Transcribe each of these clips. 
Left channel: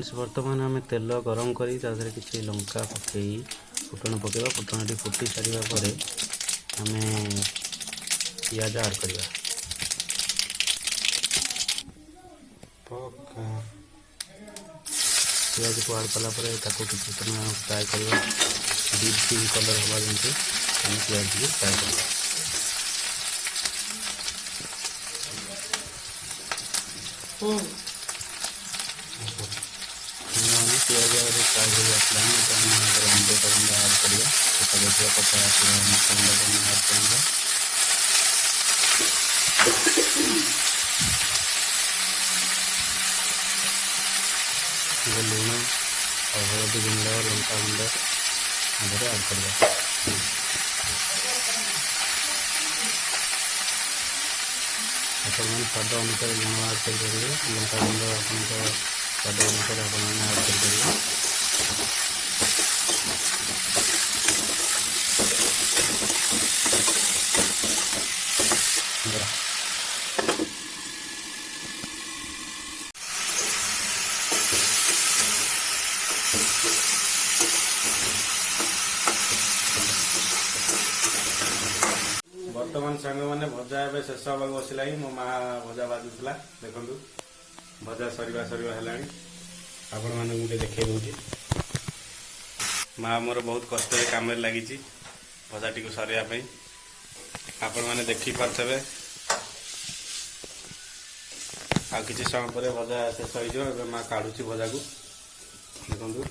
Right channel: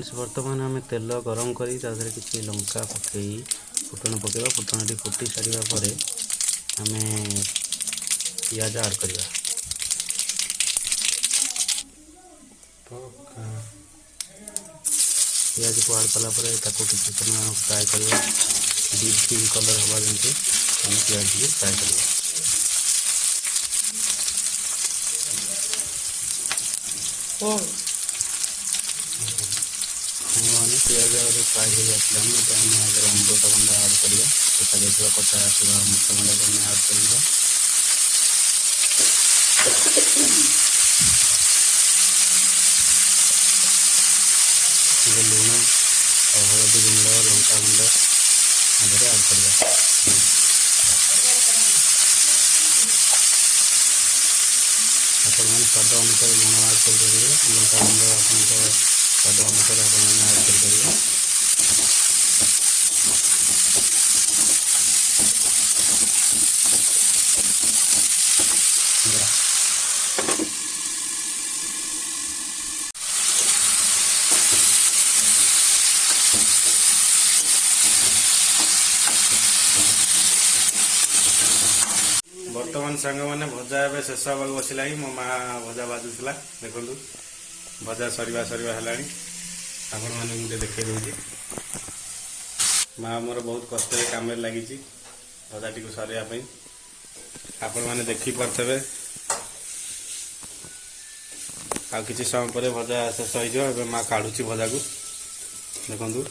Friends बर्तमान आम तेल गरम करी किसी लंका पकई फुटण पकेबा फुटणटी फुटी सारा पर आम पियाज आड करवा पियाज को आड कलापर किसी समय फ्राए करवा डीप पिंक कलर हवा जमी आम पियाज को फ्राए करवा। पियाज फ्राए हो आसला अमृतभंडा आड करवा देखा पचा आसवा अमृतभंडा को आड करवा। लुण और हलदी गुंड लंका गुंड आगे आड करवा। आपण मैंने स्वाद अनुसार लुण आड करेंगे लंका गुंड आप स्वाद अनुसार आप आड कर बर्तमान सांग मैंने भजा ए शेष हाँ बसला मो माँ भजा बाजुला देखु भजा सरिया सरिया है आपण मैंने देखे दूसरी माँ मोर बहुत कष्ट कम लगी भजाटी को सरिया आपण मैंने देखिपे आ कि समय पर भजा शेष हो माँ काढ़ुची भजा को देखु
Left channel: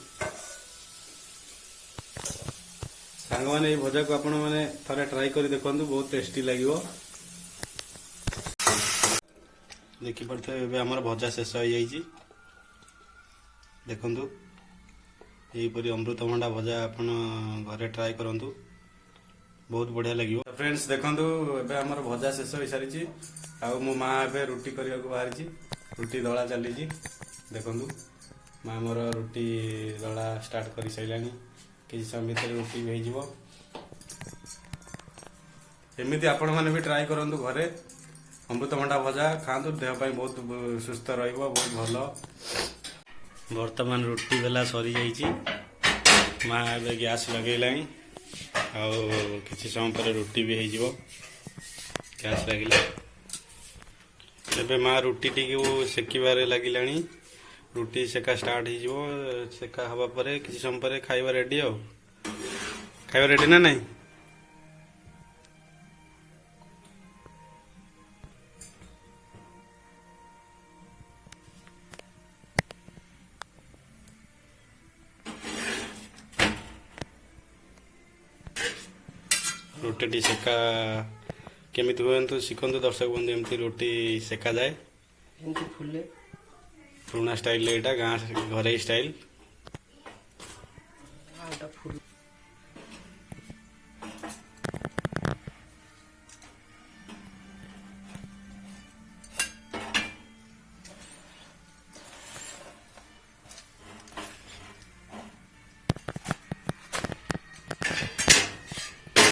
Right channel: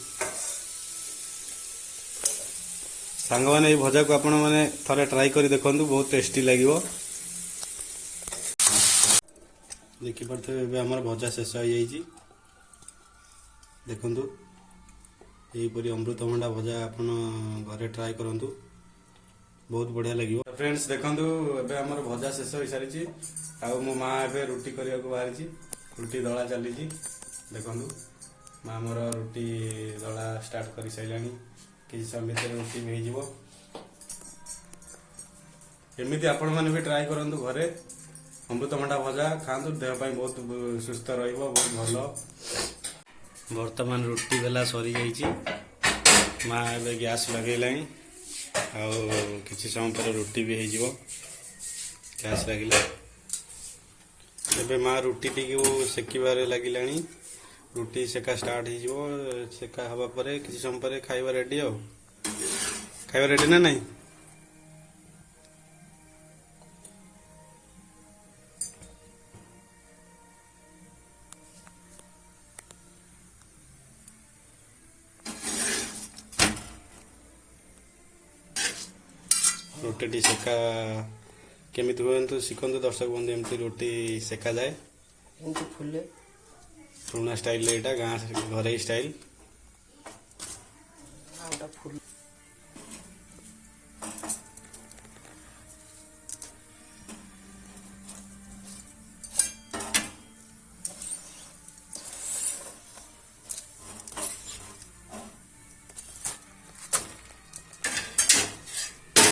सांग मैंने भजा को आपण मैंने थोड़े ट्राई कर देखु बहुत टेस्टी लगे देखिपे आमर भजा शेष हो जाइए देखु यहीपरी अमृतभंडा भजा आप घरे ट्राई करूँ बहुत बढ़िया लगे। फ्रेंड्स देखु एबे आमर भजा शेष हो सारी आउ मो माँ एबे रुटी करने को बाहरी रुटी दला चली देखु माँ मोर रुटी दला स्टार्ट कर सारे किसी समय भितर रुटी भी हो एमती आपण मैंने भी ट्राई करूँ घरे अमृतभंडा भजा खातु देहपाई बहुत सुस्थ बहुत भल। वर्तमान रुटी बेला सरी जाइए माँ ए गैस लगेला किसी समय पर रुटी भी हो गैस लगे एबे माँ रुटी टी सेकिबारे लगिला रुटी सेका स्टार्ट हो सेका हवा पर किसी समय पर खाइबा रेडी आ खाइबा रेडी ना नहीं रोटी सेका केमी हुए तो शिखु दर्शक बंधु एमती रोटी सेका जाए फुले पुराना स्टाइल गाँ घरे स्टाइल फुल